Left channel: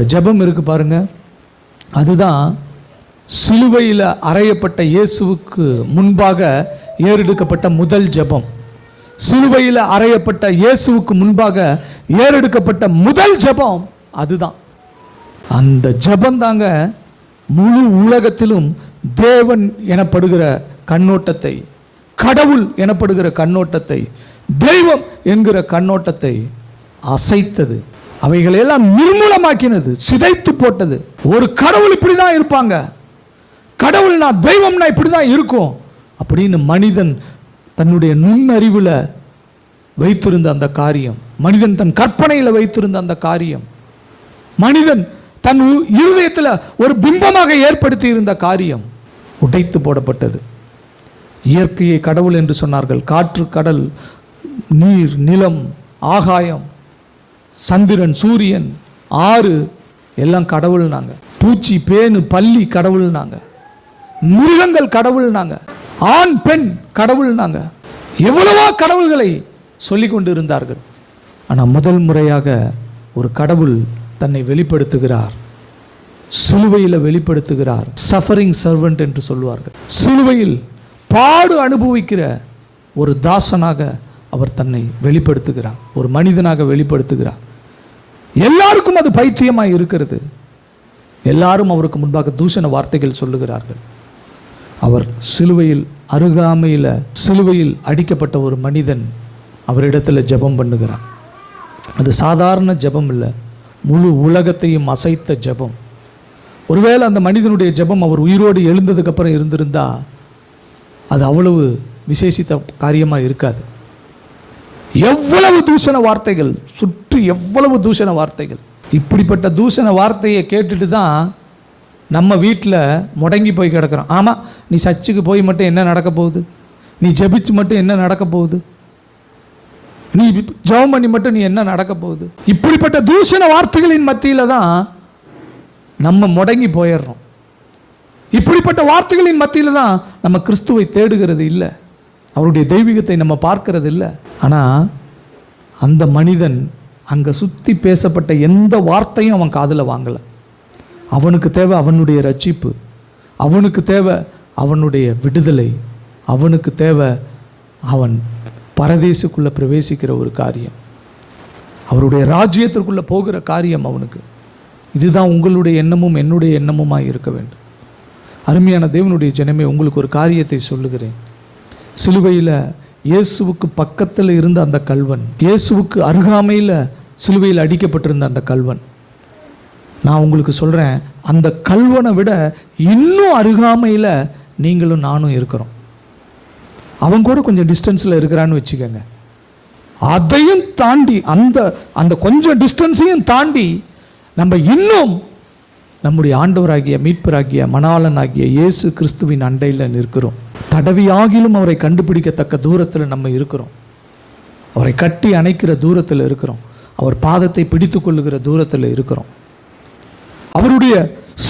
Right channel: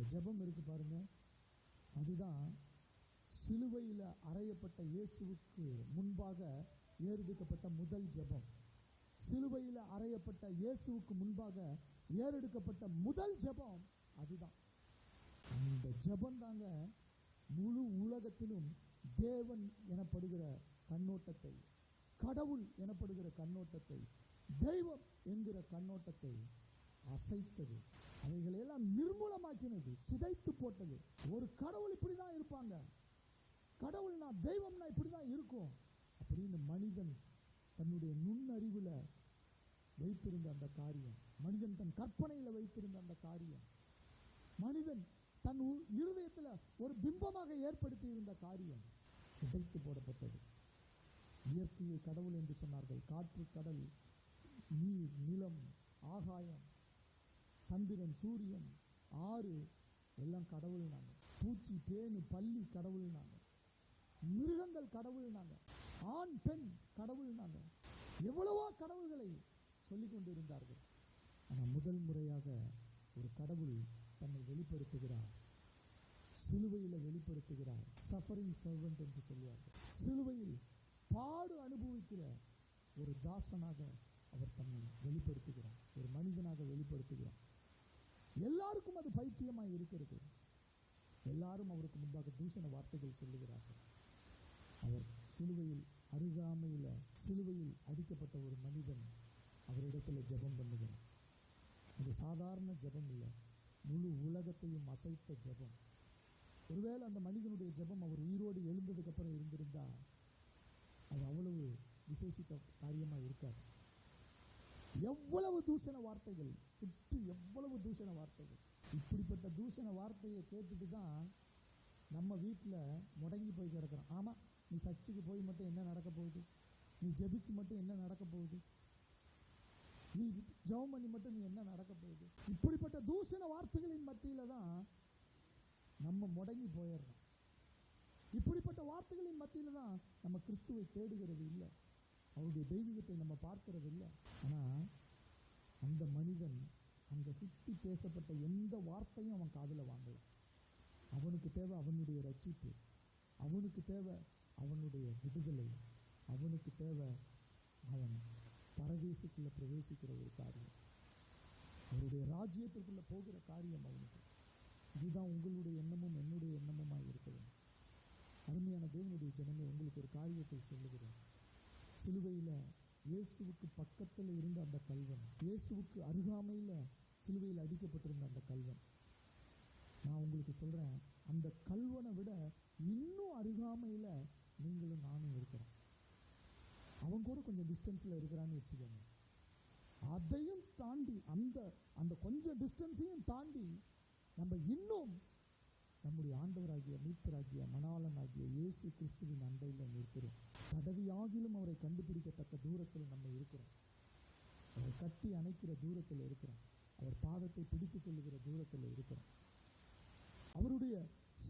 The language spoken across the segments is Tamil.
அந்த ஜெபம் இருக்கு பாருங்க, அதுதான் சிலுவையில் அறையப்பட்ட இயேசுவுக்கு முன்பாக ஏறெடுக்கப்பட்ட முதல் ஜெபம். சிலுவையில் அறையப்பட்ட இயேசுவுக்கு முன்பாக ஏறெடுக்கப்பட்ட முதல் ஜெபம் அதுதான். அந்த ஜெபம் தாங்க முழு உலகத்திலும் தேவன் எனப்படுகிற கண்ணோட்டத்தை, கடவுள் எனப்படுகிற கண்ணோட்டத்தை, தெய்வம் என்கிற கண்ணோட்டத்தை அசைத்தது. அவைகளெல்லாம் நிர்மூலமாக்கினது, சிதைத்து போட்டது. ஒரு கடவுள் இப்படி தான் இருப்பாங்க, கடவுள்னா தெய்வம்னா இப்படி தான் இருக்கும் அப்படின்னு மனிதன் தன்னுடைய நுண்ணறிவில் வைத்திருந்த அந்த காரியம், மனிதன் தன் கற்பனையில் வைத்திருந்த அந்த காரியம், மனிதன் தன் இருதயத்தில் ஒரு பிம்பமாக ஏற்படுத்தி இருந்த காரியம் உடைத்து போடப்பட்டது. இயற்கையை கடவுள் என்று சொன்னார்கள். காற்று, கடல், நீர், நிலம், ஆகாயம், சந்திரன், சூரியன், ஆறு எல்லாம் கடவுள்னாங்க. பூச்சி, பேனு, பல்லி கடவுள்னாங்க. மிருகங்கள் கடவுள்னாங்க. ஆண், பெண் கடவுள்னாங்க. எவ்வளவோ கடவுள்களை சொல்லிக் கொண்டு இருந்தார்கள். ஆனால் முதல் முறையாக ஒரு கடவுள் தன்னை வெளிப்படுத்துகிறார், சிலுவையில் வெளிப்படுத்துகிறார். சஃபரிங் சர்வெண்ட் என்று சொல்லுவார்கள். சிலுவையில் பாடு அனுபவிக்கிற ஒரு தாசனாக அவர் தன்னை வெளிப்படுத்துகிறார், ஒரு மனிதனாக வெளிப்படுத்துகிறார். எல்லாருக்கும் அது பைத்தியமாக இருக்கிறது. எல்லாரும் அவருக்கு முன்பாக தூஷண வார்த்தைகள் சொல்லுகிறார்கள். அவர் சிலுவையில் அருகாமையில் சிலுவையில் அடிக்கப்பட்ட ஒரு மனிதன் அவரிடத்தில் ஜெபம் பண்ணுகிறார். அது சாதாரண ஜெபம் இல்லை, முழு உலகத்தையும் அசைத்த ஜெபம். ஒருவேளை அந்த மனிதனுடைய ஜெபம் அவர் உயிரோடு எழுந்ததுக்கு அப்புறம் இருந்திருந்தா அது அவ்வளவு விசேஷித்த காரியமாக இருக்காது. எவ்வளவு தூஷண வார்த்தைகள், சுற்றி எவ்வளவு தூஷண வார்த்தைகள். இப்படிப்பட்ட தூஷண வார்த்தையை கேட்டுட்டு தான் நம்ம வீட்டில் முடங்கி போய் கிடக்கிறோம். ஆமாம், நீ சர்ச்சுக்கு போய் மட்டும் என்ன நடக்க போகுது, நீ ஜெபிச்சு மட்டும் என்ன நடக்க போகுது, நீ ஜெபம் பண்ணி மட்டும் நீ என்ன நடக்க போகுது. இப்படிப்பட்ட தூஷண வார்த்தைகளின் மத்தியில் தான் நம்ம முடங்கி போயிடுறோம். இப்படிப்பட்ட வார்த்தைகளின் மத்தியில் தான் நம்ம கிறிஸ்துவை தேடுகிறது இல்லை, அவருடைய தெய்வீகத்தை நம்ம பார்க்கறது இல்லை. ஆனால் அந்த மனிதன் அங்கே சுற்றி பேசப்பட்ட எந்த வார்த்தையும் அவன் காதில் வாங்கலை. அவனுக்கு தேவை அவனுடைய ரட்சிப்பு, அவனுக்கு தேவை அவனுடைய விடுதலை, அவனுக்கு தேவை அவன் பரதேசுக்குள்ளே பிரவேசிக்கிற ஒரு காரியம், அவருடைய ராஜ்யத்திற்குள்ளே போகிற காரியம் அவனுக்கு. இதுதான் உங்களுடைய எண்ணமும் என்னுடைய எண்ணமுமாய் இருக்க வேண்டும். அருமையான தேவனுடைய ஜனமே, உங்களுக்கு ஒரு காரியத்தை சொல்லுகிறேன். சிலுவையில் இயேசுவுக்கு பக்கத்தில் இருந்த அந்த கல்வன், இயேசுவுக்கு அருகாமையில் சிலுவையில் அடிக்கப்பட்டிருந்த அந்த கல்வன், நான் உங்களுக்கு சொல்கிறேன், அந்த கல்வனை விட இன்னும் அருகாமையில் நீங்களும் நானும் இருக்கிறோம். அவன் கூட கொஞ்சம் டிஸ்டன்ஸில் இருக்கிறான்னு வச்சுக்கோங்க. அதையும் தாண்டி அந்த கொஞ்சம் டிஸ்டன்ஸையும் தாண்டி நம்ம இன்னும் நம்முடைய ஆண்டவராகிய மீட்பராகிய மணாளனாகிய இயேசு கிறிஸ்துவின் அண்டையில் நிற்கிறோம். தடவியாகிலும் அவரை கண்டுபிடிக்கத்தக்க தூரத்தில் நம்ம இருக்கிறோம். அவரை கட்டி அணைக்கிற தூரத்தில் இருக்கிறோம். அவர் பாதத்தை பிடித்து கொள்ளுகிற தூரத்தில் இருக்கிறோம். அவருடைய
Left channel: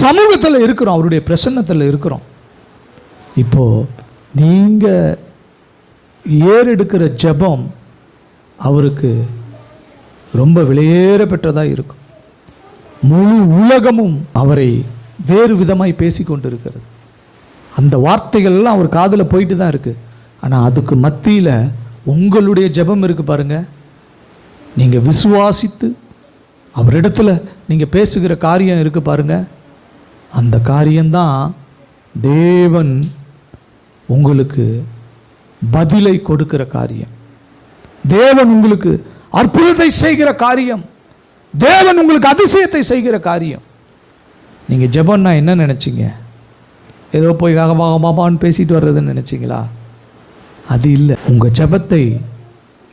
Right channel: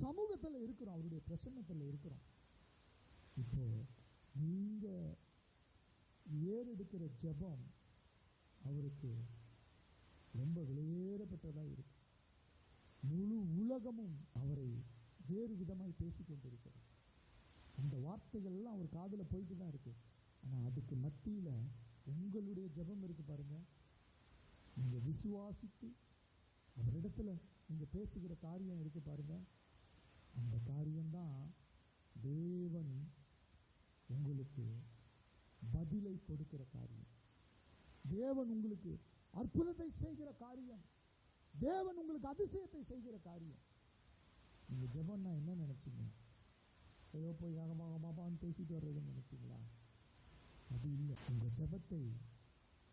சமூகத்தில் இருக்கிறோம், அவருடைய பிரசன்னத்தில் இருக்கிறோம். இப்போ நீங்கள் ஏறெடுக்கிற ஜெபம் அவருக்கு ரொம்ப விலையேற பெற்றதாக இருக்கும். முழு உலகமும் அவரை வேறு விதமாய் பேசி கொண்டு இருக்கிறது. அந்த வார்த்தைகள்லாம் அவர் காதில் போயிட்டு தான் இருக்குது. ஆனால் அதுக்கு மத்தியில் உங்களுடைய ஜெபம் இருக்குது பாருங்க. நீங்கள் விசுவாசித்து அவரிடத்துல நீங்கள் பேசுகிற காரியம் இருக்குது பாருங்க. அந்த காரியம்தான் தேவன் உங்களுக்கு பதிலை கொடுக்கிற காரியம், தேவன் உங்களுக்கு அற்புதத்தை செய்கிற காரியம், தேவன் உங்களுக்கு அதிசயத்தை செய்கிற காரியம். நீங்கள் ஜெபம்னா என்ன நினச்சிங்க? ஏதோ போய் காகமான்னு பேசிட்டு வர்றதுன்னு நினச்சிங்களா? அது இல்லை. உங்கள் ஜெபத்தை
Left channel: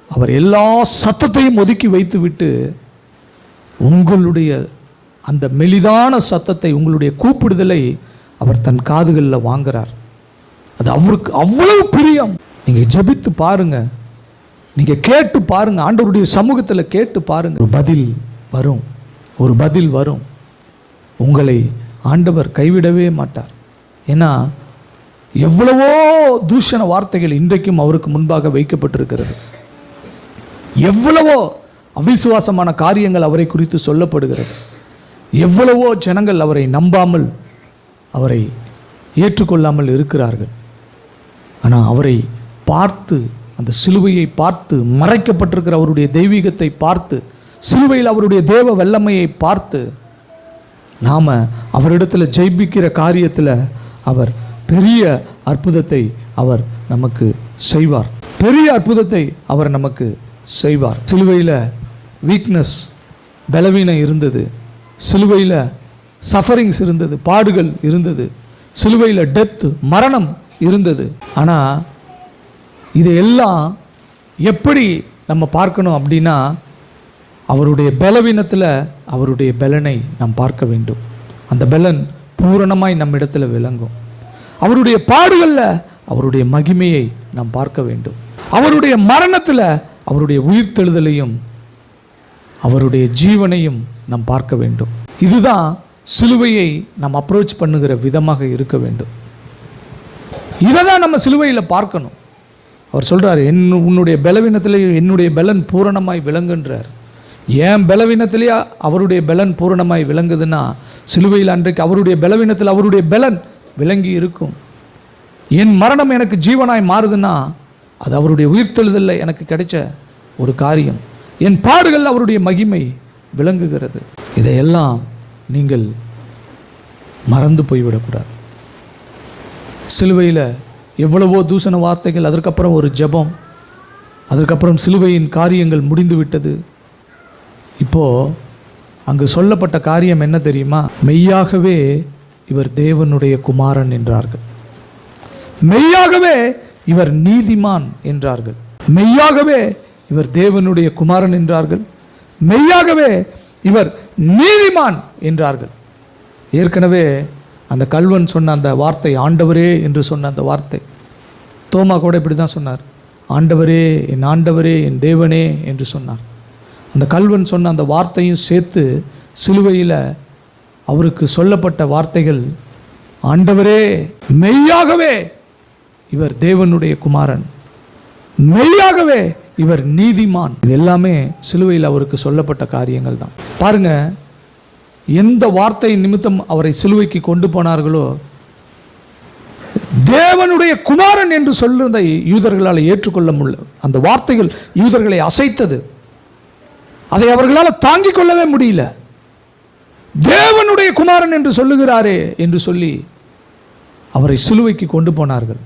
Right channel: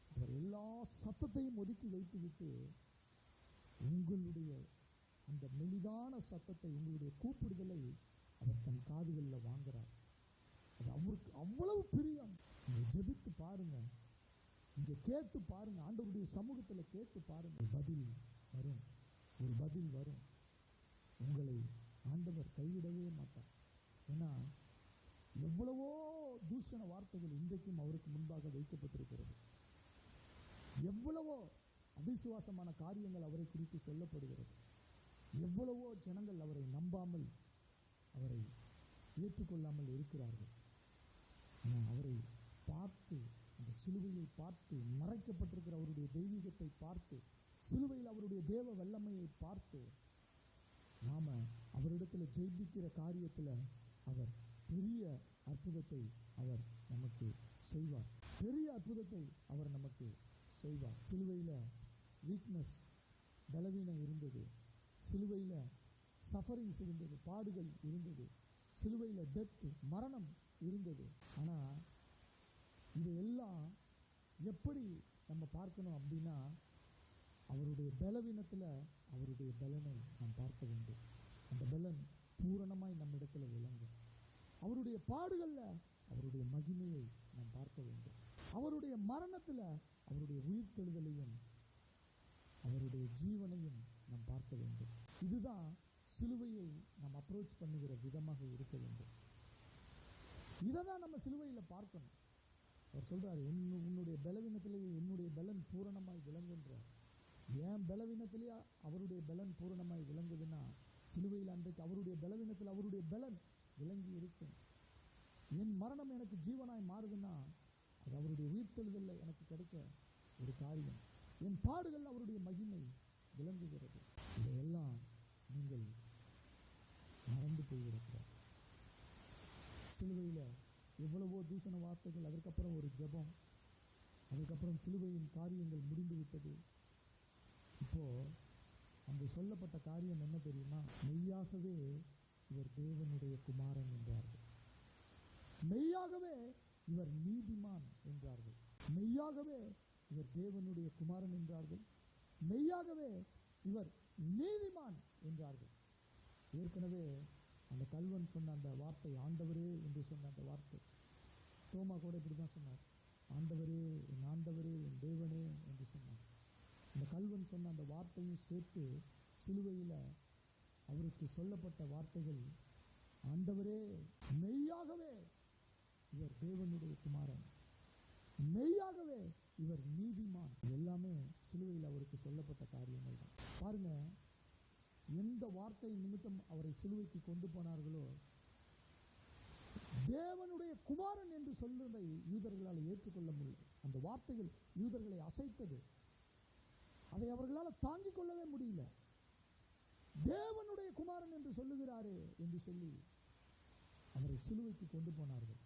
அவர் எல்லா சத்தத்தையும் ஒதுக்கி வைத்து விட்டு உங்களுடைய அந்த மெலிதான சத்தத்தை, உங்களுடைய கூப்பிடுதலை அவர் தன் காதுகளில் வாங்குறார். அது அவருக்கு அவ்வளவு பிரியம். நீங்கள் ஜெபித்து பாருங்க, நீங்கள் கேட்டு பாருங்க, ஆண்டவருடைய சமூகத்தில் கேட்டு பாருங்க. ஒரு பதில் வரும், ஒரு பதில் வரும். உங்களை ஆண்டவர் கைவிடவே மாட்டார். ஏன்னா எவ்வளவோ தூஷண வார்த்தைகள் இன்றைக்கும் அவருக்கு முன்பாக வைக்கப்பட்டிருக்கிறது. எவ்வளவோ அவிசுவாசமான காரியங்கள் அவரை குறித்து சொல்லப்படுகிறது. எவ்வளவோ ஜனங்கள் அவரை நம்பாமல், அவரை ஏற்றுக்கொள்ளாமல் இருக்கிறார்கள். ஆனால் அவரை பார்த்து, அந்த சிலுவையை பார்த்து, மறைக்கப்பட்டிருக்கிற அவருடைய தெய்வீகத்தை பார்த்து, சிலுவையில் அவருடைய தேவ வல்லமையை பார்த்து, நாம் அவரிடத்தில் ஜெயிப்பிக்கிற காரியத்தில் அவர் பெரிய அற்புதத்தை அவர் நமக்கு செய்வார். பெரிய அற்புதத்தை அவர் நமக்கு செய்வார். சிலுவையில் வீக்னஸ், பலவீனம் இருந்தது. சிலுவையில் சஃபரிங்ஸ் இருந்தது, பாடுகள் இருந்தது. சிலுவையில் டெத், மரணம் இருந்தது. ஆனால் இதையெல்லாம் எப்படி நம்ம பார்க்கணும் அப்படின்னா, அவருடைய பலவீனத்தில் அவருடைய பலனை நாம் பார்க்க வேண்டும். அந்த பலன் பூரணமாய் நம்மிடத்தில் விளங்கும். அவருடைய பாடுகளில் அவருடைய மகிமையை நாம் பார்க்க வேண்டும். அவருடைய மரணத்தில் அவருடைய உயிர்த்தெழுதலையும் அவருடைய ஜீவனையும் நாம் பார்க்க வேண்டும். இதுதான் சிலுவையை நாம் அப்ரோச் பண்ணுகிற விதமாக இருக்க வேண்டும். இதை தான் நம்ம சிலுவையில் பார்க்கணும். அவர் சொல்கிறார், உன்னுடைய பலவீனத்திலேயே என்னுடைய பலன் பூரணமாய் விளங்குன்றார். ஏன் பலவீனத்திலேயே அவருடைய பலன் பூரணமாய் விளங்குதுன்னா, சிலுவையில் அன்றைக்கு அவருடைய பலவீனத்தில் அவருடைய பலன் விளங்கி இருக்கும். என் மரணம் எனக்கு ஜீவனாய் மாறுதுன்னா அது அவருடைய உயிர்த்தெழுதலில் எனக்கு கிடைச்ச ஒரு காரியம். என் பாடுகள் அவருடைய மகிமை விளங்குகிறது. இதையெல்லாம் நீங்கள் மறந்து போய்விடக்கூடாது. சிலுவையில் எவ்வளவோ தூசண வார்த்தைகள், அதற்கப்புறம் ஒரு ஜெபம், அதற்கப்புறம் சிலுவையின் காரியங்கள் முடிந்து விட்டது. இப்போது அங்கு சொல்லப்பட்ட காரியம் என்ன தெரியுமா? மெய்யாகவே இவர் தேவனுடைய குமாரன் என்றார்கள். மெய்யாகவே இவர் நீதிமான் என்றார்கள். மெய்யாகவே இவர் தேவனுடைய குமாரன் என்றார்கள். மெய்யாகவே இவர் நீதிமான் என்றார்கள். ஏற்கனவே அந்த கல்வன் சொன்ன அந்த வார்த்தை, ஆண்டவரே என்று சொன்ன அந்த வார்த்தை, தோமா கூட இப்படி தான் சொன்னார், ஆண்டவரே, என் ஆண்டவரே, என் தேவனே என்று சொன்னார். அந்த கல்வன் சொன்ன அந்த வார்த்தையும் சேர்த்து சிலுவையில் அவருக்கு சொல்லப்பட்ட வார்த்தைகள், ஆண்டவரே, மெய்யாகவே இவர் தேவனுடைய குமாரன், மெய்யாகவே இவர் நீதிமான். இது எல்லாமே சிலுவையில் அவருக்கு சொல்லப்பட்ட காரியங்கள் தான். பாருங்க, எந்த வார்த்தை நிமித்தம் அவரை சிலுவைக்கு கொண்டு போனார்களோ, தேவனுடைய குமாரன் என்று சொல்றதை யூதர்களால் ஏற்றுக்கொள்ள முடியல. அந்த வார்த்தைகள் யூதர்களை அசைத்தது. அதை அவர்களால் தாங்கிக் கொள்ளவே முடியல. தேவனுடைய குமாரன் என்று சொல்லுகிறாரே என்று சொல்லி அவரை சிலுவைக்கு கொண்டு போனார்கள்.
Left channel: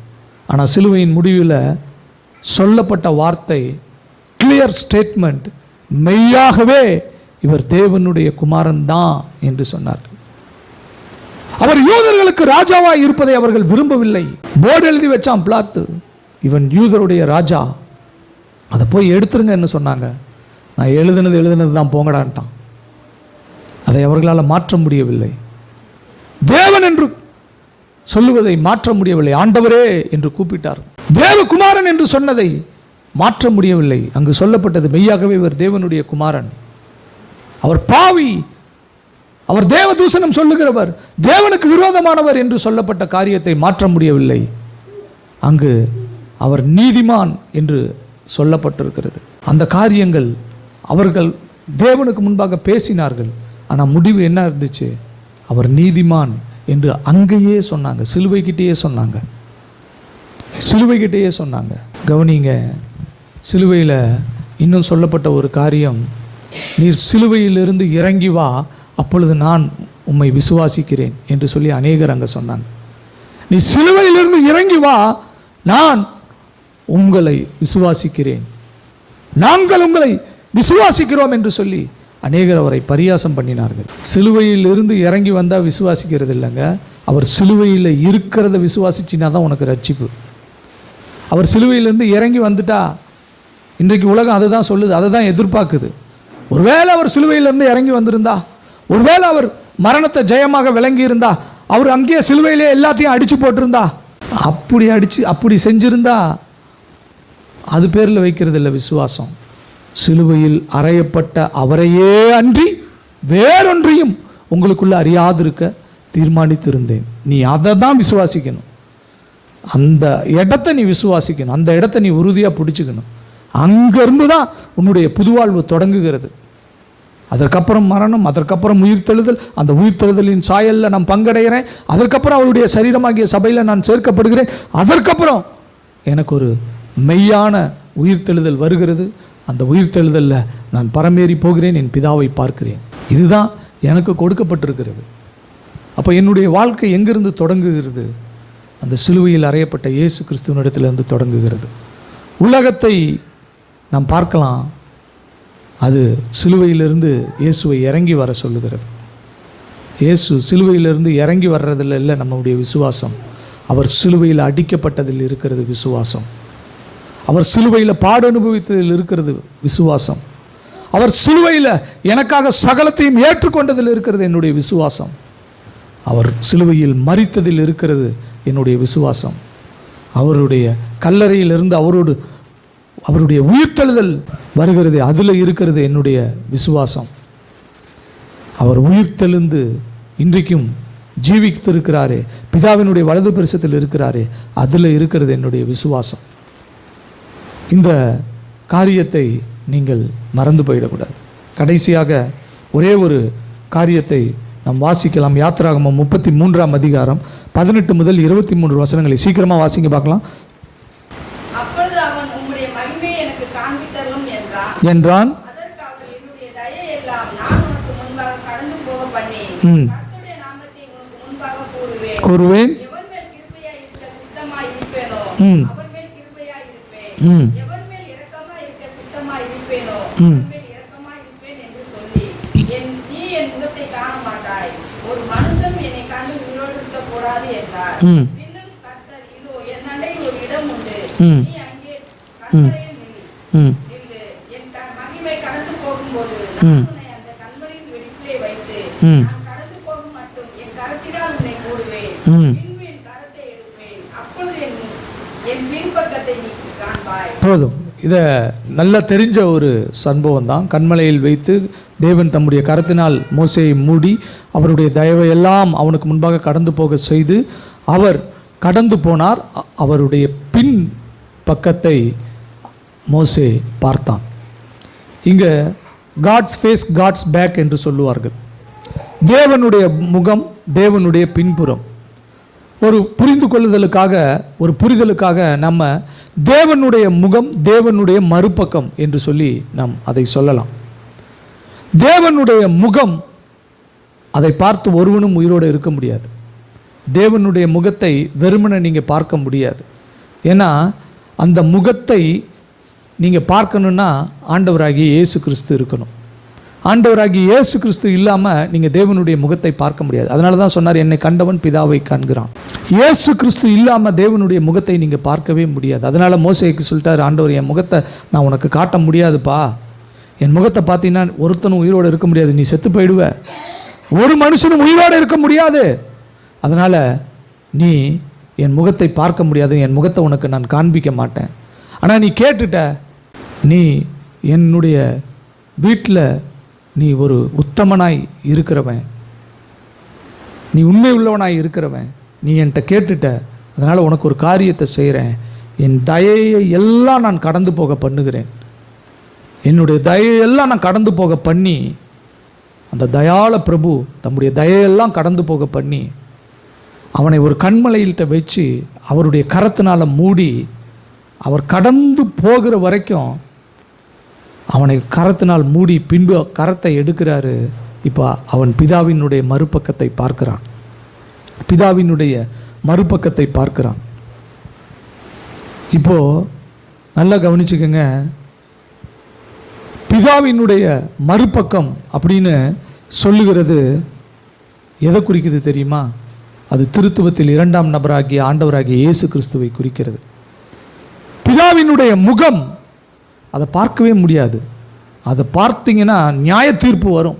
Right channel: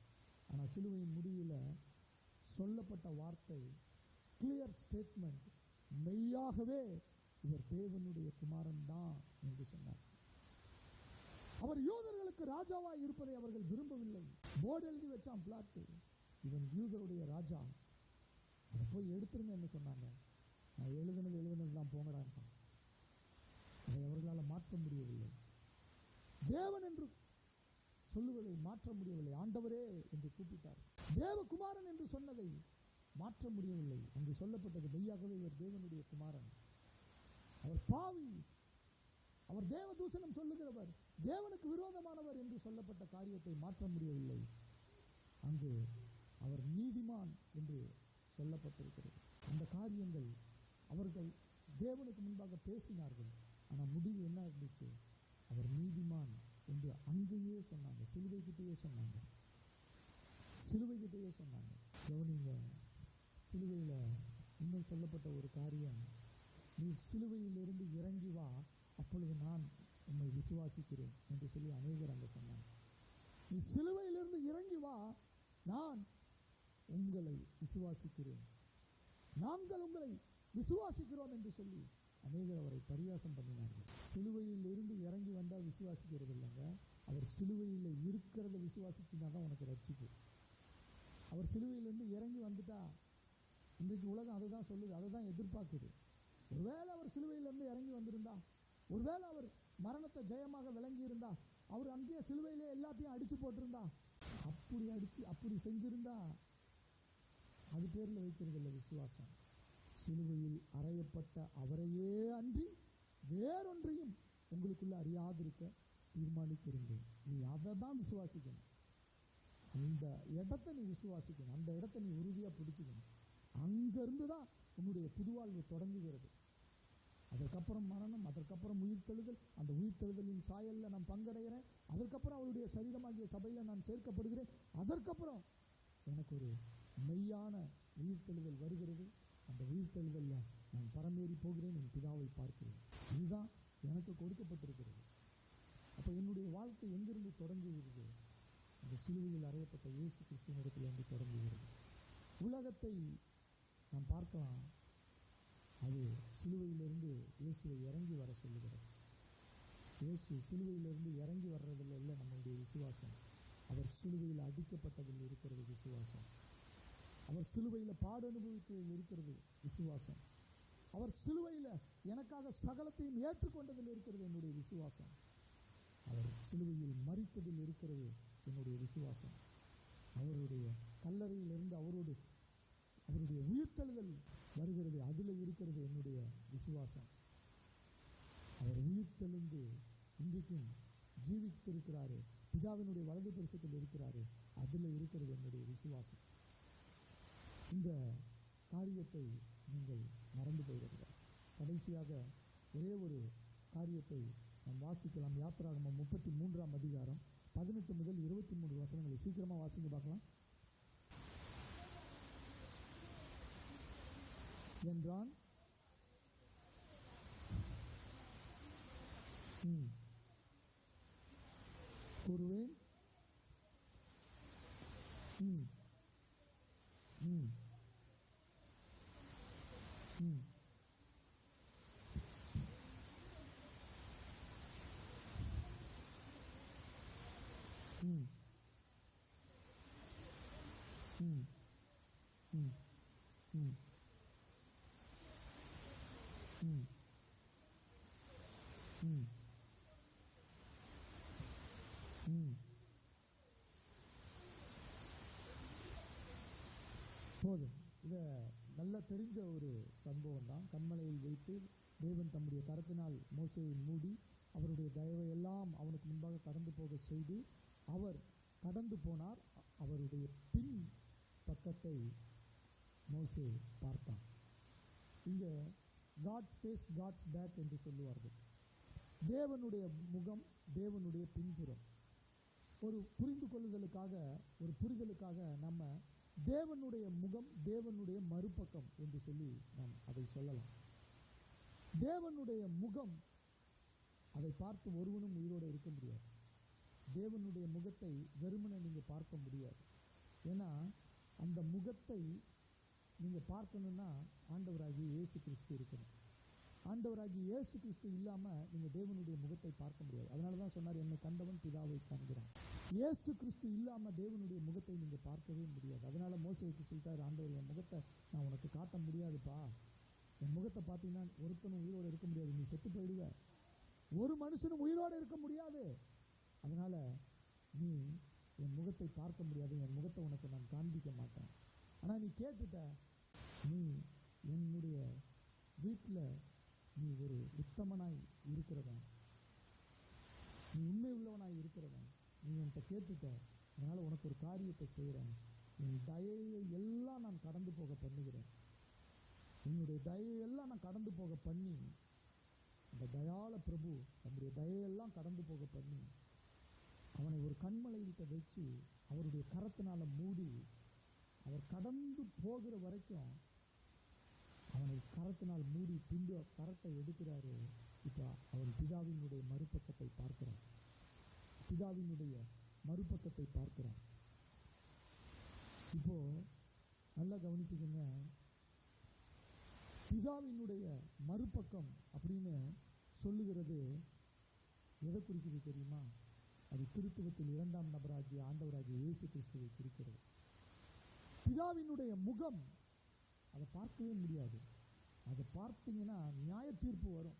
ஆனால் சிலுவையின் முடிவில் சொல்லப்பட்ட வார்த்தை, கிளியர் ஸ்டேட்மெண்ட், மெய்யாகவே இவர் தேவனுடைய குமாரன் தான் என்று சொன்னார்கள். அவர் யூதர்களுக்கு ராஜாவாய் இருப்பதை அவர்கள் விரும்பவில்லை. போர்டு எழுதி வச்சான் பிலாத்து, இவன் யூதருடைய ராஜா, அதை போய் எடுத்துருங்கன்னு சொன்னாங்க. நான் எழுதுனது தான் போங்கடான்ட்டான். அதை அவர்களால் மாற்ற முடியவில்லை. தேவன் என்று சொல்லுவதை மாற்ற முடியவில்லை. ஆண்டவரே என்று கூப்பிட்டார். தேவகுமாரன் என்று சொன்னதை மாற்ற முடியவில்லை. அங்கு சொல்லப்பட்டது மெய்யாகவே இவர் தேவனுடைய குமாரன். அவர் பாவி, அவர் தேவ தூஷணம் சொல்லுகிறவர், தேவனுக்கு விரோதமானவர் என்று சொல்லப்பட்ட காரியத்தை மாற்ற முடியவில்லை. அங்கு அவர் நீதிமான் என்று சொல்லப்பட்டிருக்கிறது. அந்த காரியங்கள் அவர்கள் தேவனுக்கு முன்பாக பேசினார்கள். ஆனால் முடிவு என்ன இருந்துச்சு? அவர் நீதிமான் என்று அங்கேயே சொன்னாங்க, சிலுவைக்கிட்டேயே சொன்னாங்க, சிலுவைக்கிட்டேயே சொன்னாங்க. கவனிங்க, சிலுவையில் இன்னும் சொல்லப்பட்ட ஒரு காரியம், நீர் சிலுவையிலிருந்து இறங்கி வா, அப்பொழுது நான் உம்மை விசுவாசிக்கிறேன் என்று சொல்லி அநேகர் அங்கே சொன்னாங்க. நீ சிலுவையிலிருந்து இறங்கி வா, நான் உங்களை விசுவாசிக்கிறேன், நாங்கள் உங்களை விசுவாசிக்கிறோம் என்று சொல்லி அநேகர் அவரை பரியாசம் பண்ணினார்கள். சிலுவையில் இருந்து இறங்கி வந்தால் விசுவாசிக்கிறது இல்லைங்க, அவர் சிலுவையில் இருக்கிறத விசுவாசிச்சினா தான் உனக்கு ரட்சிப்பு. அவர் சிலுவையிலிருந்து இறங்கி வந்துட்டா, இன்றைக்கு உலகம் அதை தான் சொல்லுது, அதை தான் எதிர்பார்க்குது. ஒருவேளை அவர் சிலுவையிலிருந்து இறங்கி வந்திருந்தா, ஒருவேளை அவர் மரணத்தை ஜெயமாக விளங்கி இருந்தா, அவர் அங்கேயே சிலுவையிலே எல்லாத்தையும் அடித்து போட்டிருந்தா, அப்படி செஞ்சிருந்தா அது பேரில் வைக்கிறது இல்லை விசுவாசம். சிலுவையில் அறையப்பட்ட அவரையே அன்றி வேறொன்றையும் உங்களுக்குள்ள அறியாதிருக்க தீர்மானித்திருந்தேன். நீ அதை தான் விசுவாசிக்கணும், அந்த இடத்தை நீ விசுவாசிக்கணும், அந்த இடத்தை நீ உறுதியாக பிடிச்சிக்கணும். அங்கேருந்து தான் உன்னுடைய புதுவாழ்வு தொடங்குகிறது. அதற்கப்புறம் மரணம், அதற்கப்புறம் உயிர்த்தெழுதல், அந்த உயிர்த்தெழுதலின் சாயலில் நான் பங்கடைகிறேன், அதற்கப்புறம் அவருடைய சரீரமாகிய சபையில் நான் சேர்க்கப்படுகிறேன், அதற்கப்புறம் எனக்கு ஒரு மெய்யான உயிர்த்தெழுதல் வருகிறது, அந்த உயிர்த்தெழுதலில் நான் பரமேறி போகிறேன், என் பிதாவை பார்க்கிறேன். இதுதான் எனக்கு கொடுக்கப்பட்டிருக்கிறது. அப்போ என்னுடைய வாழ்க்கை எங்கிருந்து தொடங்குகிறது? அந்த சிலுவையில் அறையப்பட்ட இயேசு கிறிஸ்துவனிடத்திலிருந்து தொடங்குகிறது. உலகத்தை நாம் பார்க்கலாம், அது சிலுவையிலிருந்து இயேசுவை இறங்கி வர சொல்லுகிறது. இயேசு சிலுவையிலிருந்து இறங்கி வர்றதில் இல்லை நம்முடைய விசுவாசம், அவர் சிலுவையில் அடிக்கப்பட்டதில் இருக்கிறது விசுவாசம். அவர் சிலுவையில் பாடு அனுபவித்ததில் இருக்கிறது விசுவாசம். அவர் சிலுவையில் எனக்காக சகலத்தையும் ஏற்றுக்கொண்டதில் இருக்கிறது என்னுடைய விசுவாசம். அவர் சிலுவையில் மரித்ததில் இருக்கிறது என்னுடைய விசுவாசம். அவருடைய கல்லறையிலிருந்து அவருடைய உயிர்த்தெழுதல் வருகிறது, அதில் இருக்கிறது என்னுடைய விசுவாசம். அவர் உயிர்த்தெழுந்து இன்றைக்கும் ஜீவித்திருக்கிறாரே, பிதாவினுடைய வலது பரிசத்தில் இருக்கிறாரே, அதில் இருக்கிறது என்னுடைய விசுவாசம். இந்த காரியத்தை நீங்கள் மறந்து போயிடக்கூடாது. கடைசியாக ஒரே ஒரு காரியத்தை நாம் வாசிக்கலாம். யாத்திராகமம் 33ஆம் அதிகாரம் 18 முதல் 23 வசனங்களை சீக்கிரமாக வாசிங்க பார்க்கலாம். அப்பொழுது அவன் உம்முடைய மகிமையை எனக்கு காண்பித்தருளும் என்றான். அதற்கு அவர் என்னுடைய தயையெல்லாம் நான் உனக்கு முன்பாக கடந்து போக பண்ணி கர்த்தருடைய நாமத்தை உனக்கு முன்பாக கூறுவேன். எவன் மேல் கிருபையாய் இருக்க சித்தமாய் இருப்பேனோ அவன் மேல் கிருபையாய் இருப்பேன், எவன் மேல் இரக்கமாய் இருக்க சித்தமாய் இருப்பேனோ அவன் மேல் இரக்கமாய் இருப்பேன் என்று சொல்லி நீ என் முகத்தை காண மாட்டாய், ஒரு மனுஷன் என்னை கண்டு உயிரோடு இருக்க கூடாது என்றார். பின்னும் கர்த்தர், இதோ என் அண்டையில் ஒரு இடம் உண்டு, நீ அங்கே கண்மலையில் நில்லு, என் மகிமை கடந்து போகும்போது நான் உன்னை அந்த கண்மலையின் வெடிப்பிலே வைத்து நான் கடந்து போகும் மட்டும் என் கரத்தினால் உன்னை மூடுவேன், பின்பு என் கரத்தை எடுப்பேன், அப்பொழுது என் பின்பக்கத்தை நீ காண்பாய். போதும். இதை நல்லா தெரிஞ்ச ஒரு சம்பவம் தான். கண்மலையில் வைத்து தேவன் தம்முடைய கரத்தினால் மோசேயை மூடி அவருடைய தயவையெல்லாம் அவனுக்கு முன்பாக கடந்து போக செய்து அவர் கடந்து போனார். அவருடைய பின் பக்கத்தை மோசே பார்த்தான். இங்கே காட்ஸ் ஃபேஸ் காட்ஸ் பேக் என்று சொல்லுவார்கள். தேவனுடைய முகம், தேவனுடைய பின்புறம். ஒரு புரிந்து கொள்ளுதலுக்காக, ஒரு புரிதலுக்காக நம்ம தேவனுடைய முகம், தேவனுடைய மறுபக்கம் என்று சொல்லி நாம் அதை சொல்லலாம். தேவனுடைய முகம், அதை பார்த்து ஒருவனும் உயிரோடு இருக்க முடியாது. தேவனுடைய முகத்தை வெறுமனே நீங்கள் பார்க்க முடியாது. ஏன்னா அந்த முகத்தை நீங்கள் பார்க்கணுன்னா ஆண்டவராகிய இயேசு கிறிஸ்து இருக்கணும். ஆண்டவராகிய இயேசு கிறிஸ்து இல்லாமல் நீங்கள் தேவனுடைய முகத்தை பார்க்க முடியாது. அதனால தான் சொன்னார், என்னை கண்டவன் பிதாவை காண்கிறான். இயேசு கிறிஸ்து இல்லாமல் தேவனுடைய முகத்தை நீங்கள் பார்க்கவே முடியாது. அதனால் மோசேக்கு சொல்லிட்டார் ஆண்டவர், என் முகத்தை நான் உனக்கு காட்ட முடியாதுப்பா, என் முகத்தை பார்த்தீங்கன்னா ஒருத்தனும் உயிரோடு இருக்க முடியாது, நீ செத்து போயிடுவ, ஒரு மனுஷனும் உயிரோடு இருக்க முடியாது, அதனால் நீ என் முகத்தை பார்க்க முடியாது, என் முகத்தை உனக்கு நான் காண்பிக்க மாட்டேன். ஆனால் நீ கேட்டுட்ட, நீ என்னுடைய வீட்டில் நீ ஒரு உத்தமனாய் இருக்கிறவன், நீ உண்மை உள்ளவனாய் இருக்கிறவன், நீ என்கிட்ட கேட்டுட்ட, அதனால் உனக்கு ஒரு காரியத்தை செய்கிறேன், என் தயையை எல்லாம் நான் கடந்து போக பண்ணுகிறேன், என்னுடைய தயையெல்லாம் நான் கடந்து போக பண்ணி, அந்த தயாள பிரபு தம்முடைய தயையெல்லாம் கடந்து போக பண்ணி அவனை ஒரு கண்மலையில்கிட்ட வச்சு அவருடைய கரத்தினால் மூடி அவர் கடந்து போகிற வரைக்கும் அவனை கரத்தினால் மூடி பின்பு கரத்தை எடுக்கிறாரு. இப்போ அவன் பிதாவினுடைய மறுபக்கத்தை பார்க்கிறான், பிதாவினுடைய மறுபக்கத்தை பார்க்கிறான். இப்போ நல்லா கவனிச்சுக்கங்க, பிதாவினுடைய மறுபக்கம் அப்படின்னு சொல்லுகிறது எதை குறிக்குது தெரியுமா? அது திருத்துவத்தில் 2ஆம் நபராகிய ஆண்டவராகிய இயேசு கிறிஸ்துவை குறிக்கிறது. பிதாவினுடைய முகம் அதை பார்க்கவே முடியாது. அதை பார்த்தீங்கன்னா நியாய தீர்ப்பு வரும்.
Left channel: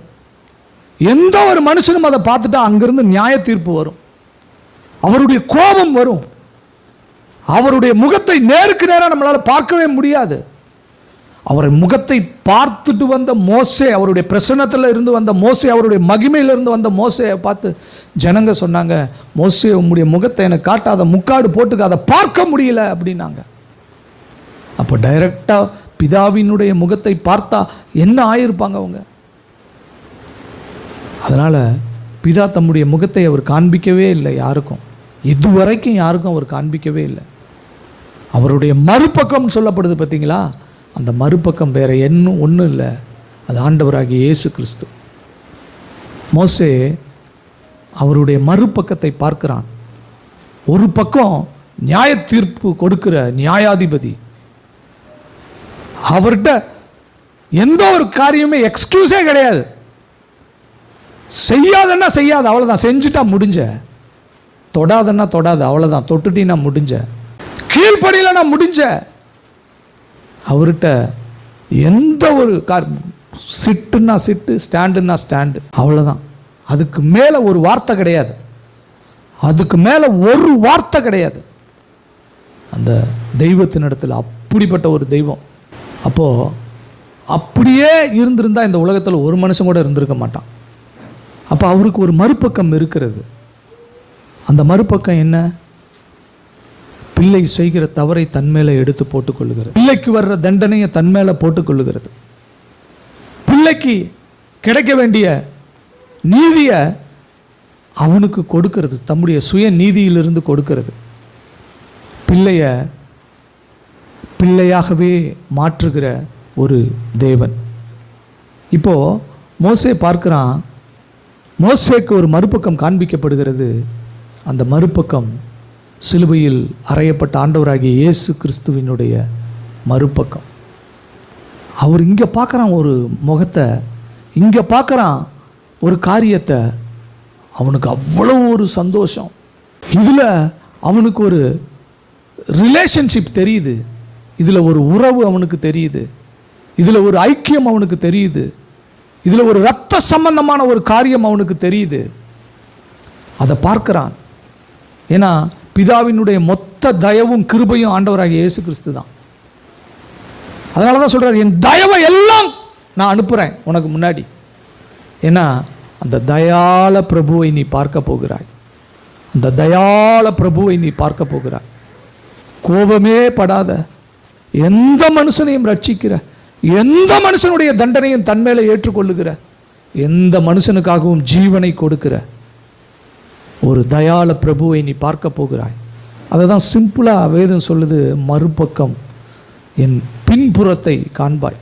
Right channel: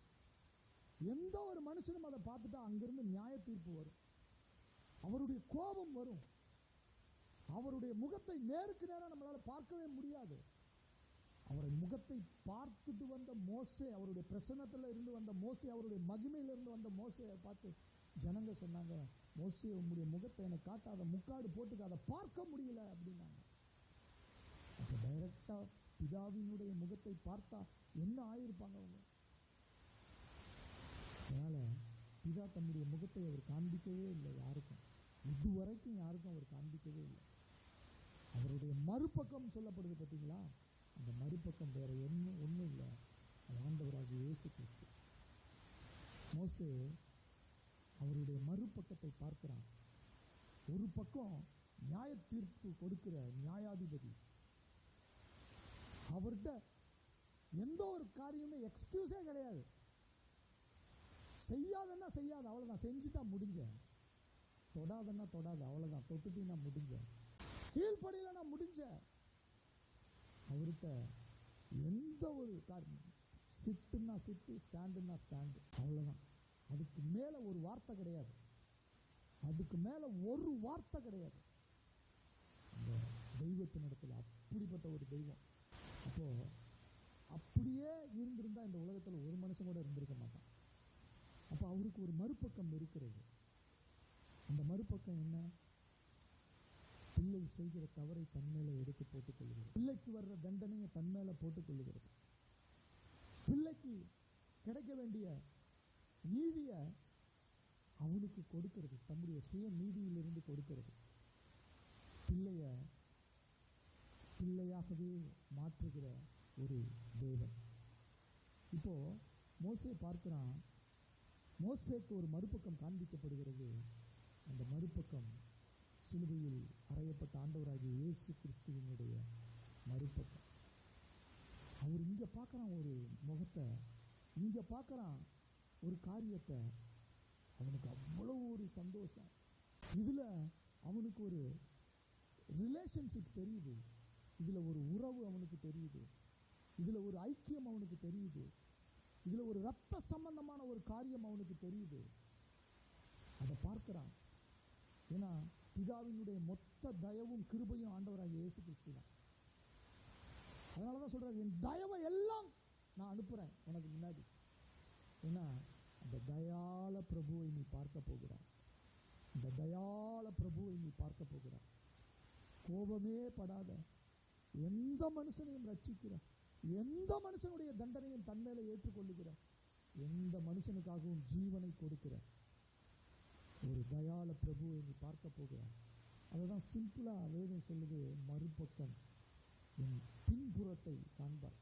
எந்த ஒரு மனுஷனும் அதை பார்த்துட்டா அங்கிருந்து நியாய தீர்ப்பு வரும், அவருடைய கோபம் வரும். அவருடைய முகத்தை நேருக்கு நேராக நம்மளால் பார்க்கவே முடியாது. அவருடைய முகத்தை பார்த்துட்டு வந்த மோசே, அவருடைய பிரசன்னத்தில் இருந்து வந்த மோசே, அவருடைய மகிமையிலிருந்து வந்த மோசையை பார்த்து ஜனங்க சொன்னாங்க, மோசே உம்முடைய முகத்தை எனக்கு காட்டாத, முக்காடு போட்டுக்க, அதை பார்க்க முடியல அப்படின்னாங்க. அப்போ டைரக்டாக பிதாவினுடைய முகத்தை பார்த்தா என்ன ஆயிருப்பாங்க அவங்க? அதனால் பிதா தம்முடைய முகத்தை அவர் காண்பிக்கவே இல்லை யாருக்கும், இதுவரைக்கும் யாருக்கும் அவர் காண்பிக்கவே இல்லை. அவருடைய மறுபக்கம் சொல்லப்படுது பார்த்தீங்களா, அந்த மறுபக்கம் வேற ஒன்றும் இல்லை, அது ஆண்டவராகிய இயேசு கிறிஸ்து. மோசே அவருடைய மறுபக்கத்தை பார்க்கிறான். ஒரு பக்கம் நியாய தீர்ப்பு கொடுக்கிற நியாயாதிபதி, அவர்கிட்ட எந்த ஒரு காரியமே எக்ஸ்கியூஸே கிடையாது. செய்யாதன்னா செய்யாது, அவ்வளோதான், செஞ்சுட்டா முடிஞ்ச. தொடாதன்னா தொடாது, அவ்வளோதான், தொட்டுட்டின்னா முடிஞ்ச. கீழ்ப்படியிலன்னா முடிஞ்ச. அவர்கிட்ட எந்த ஒரு சிட்டுன்னா சிட்டு, ஸ்டாண்டுன்னா ஸ்டாண்டு, அவ்வளோதான். அதுக்கு மேலே ஒரு வார்த்தை கிடையாது, அதுக்கு மேலே ஒரு வார்த்தை கிடையாது. அந்த தெய்வத்தின் இடத்துல அப்படிப்பட்ட ஒரு தெய்வம். அப்போது அப்படியே இருந்திருந்தால் இந்த உலகத்தில் ஒரு மனுஷன் கூட இருந்திருக்க மாட்டான். அப்போ அவருக்கு ஒரு மறுபக்கம் இருக்கிறது. அந்த மறுபக்கம் என்ன? பிள்ளை செய்கிற தவறை தன் மேலே எடுத்து போட்டுக்கொள்ளுகிறது, பிள்ளைக்கு வர்ற தண்டனையை தன் மேலே போட்டுக்கொள்ளுகிறது, பிள்ளைக்கு கிடைக்க வேண்டிய நீதியை அவனுக்கு கொடுக்கிறது, தம்முடைய சுய நீதியிலிருந்து கொடுக்கிறது. பிள்ளைய பிள்ளையாகவே மாற்றுகிற ஒரு தேவன். இப்போ மோசே பார்க்கிறான், மோசேக்கு ஒரு மறுபக்கம் காண்பிக்கப்படுகிறது. அந்த மறுபக்கம் சிலுவையில் அறையப்பட்ட ஆண்டவராகிய இயேசு கிறிஸ்துவினுடைய மறுபக்கம். அவர் இங்கே பார்க்குறான் ஒரு முகத்தை, இங்கே பார்க்குறான் ஒரு காரியத்தை. அவனுக்கு அவ்வளோ ஒரு சந்தோஷம். இதில் அவனுக்கு ஒரு ரிலேஷன்ஷிப் தெரியுது, இதில் ஒரு உறவு அவனுக்கு தெரியுது, இதில் ஒரு ஐக்கியம் அவனுக்கு தெரியுது, இதில் ஒரு இரத்த சம்பந்தமான ஒரு காரியம் அவனுக்கு தெரியுது. அதை பார்க்கிறான். ஏன்னா பிதாவினுடைய மொத்த தயவும் கிருபையும் ஆண்டவராகிய இயேசு கிறிஸ்து தான். அதனால தான் சொல்கிறார், என் தயவை எல்லாம் நான் அனுப்புகிறேன் உனக்கு முன்னாடி. ஏன்னா அந்த தயாள பிரபுவை நீ பார்க்க போகிறாய், அந்த தயாள பிரபுவை நீ பார்க்க போகிறாய். கோபமே படாத, எந்த மனுஷனையும் ரட்சிக்கிற, எந்த மனுஷனுடைய தண்டனையும் தன்மேலே ஏற்றுக்கொள்ளுகிற, எந்த மனுஷனுக்காகவும் ஜீவனை கொடுக்கிற ஒரு தயாள பிரபுவை நீ பார்க்க போகிறாய். அதை தான் சிம்பிளாக வேதம் சொல்லுது, மறுபக்கம் என் பின்புறத்தை காண்பாய்.